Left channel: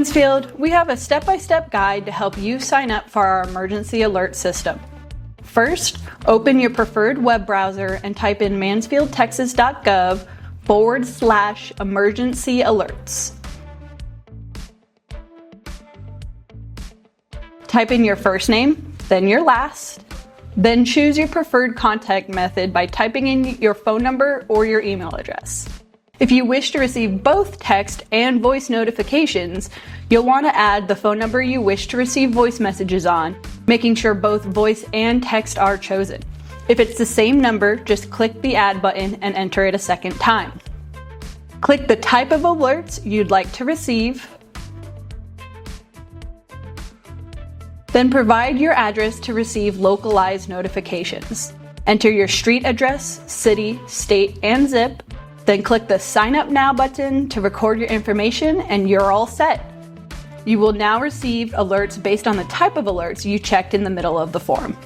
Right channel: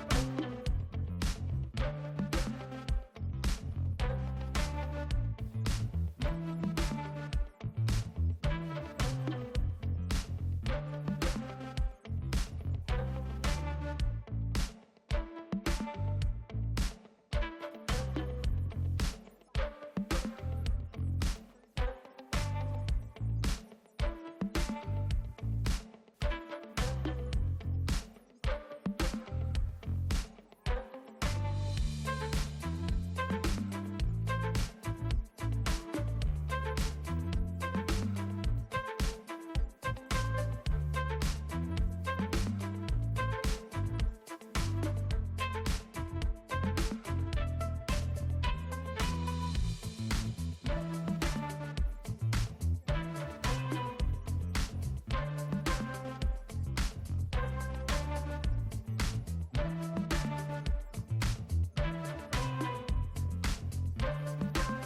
Mansfield, we have a step-by-step guide to help you sign up for our emergency alert system. First, open your preferred web browser and type in mansfieldtexas.gov/emergencyalerts. Type in your first name, then your last, then choose your preferred contact method by typing in your phone number or your email address. If you wish to receive both text and voice notifications, you'll want to add the phone number you wish to receive voice messages on, making sure both voice and text are chosen. If it's the same number, just click the Add button and enter it a second time. Click the type of alerts you'd like to receive, then provide your address to receive localized notifications. Enter your street address, city, state, and zip, then click the Sign Up Now button to record your information and you're all set. You will now receive alerts based on the type of alerts you checked in the middle of the form.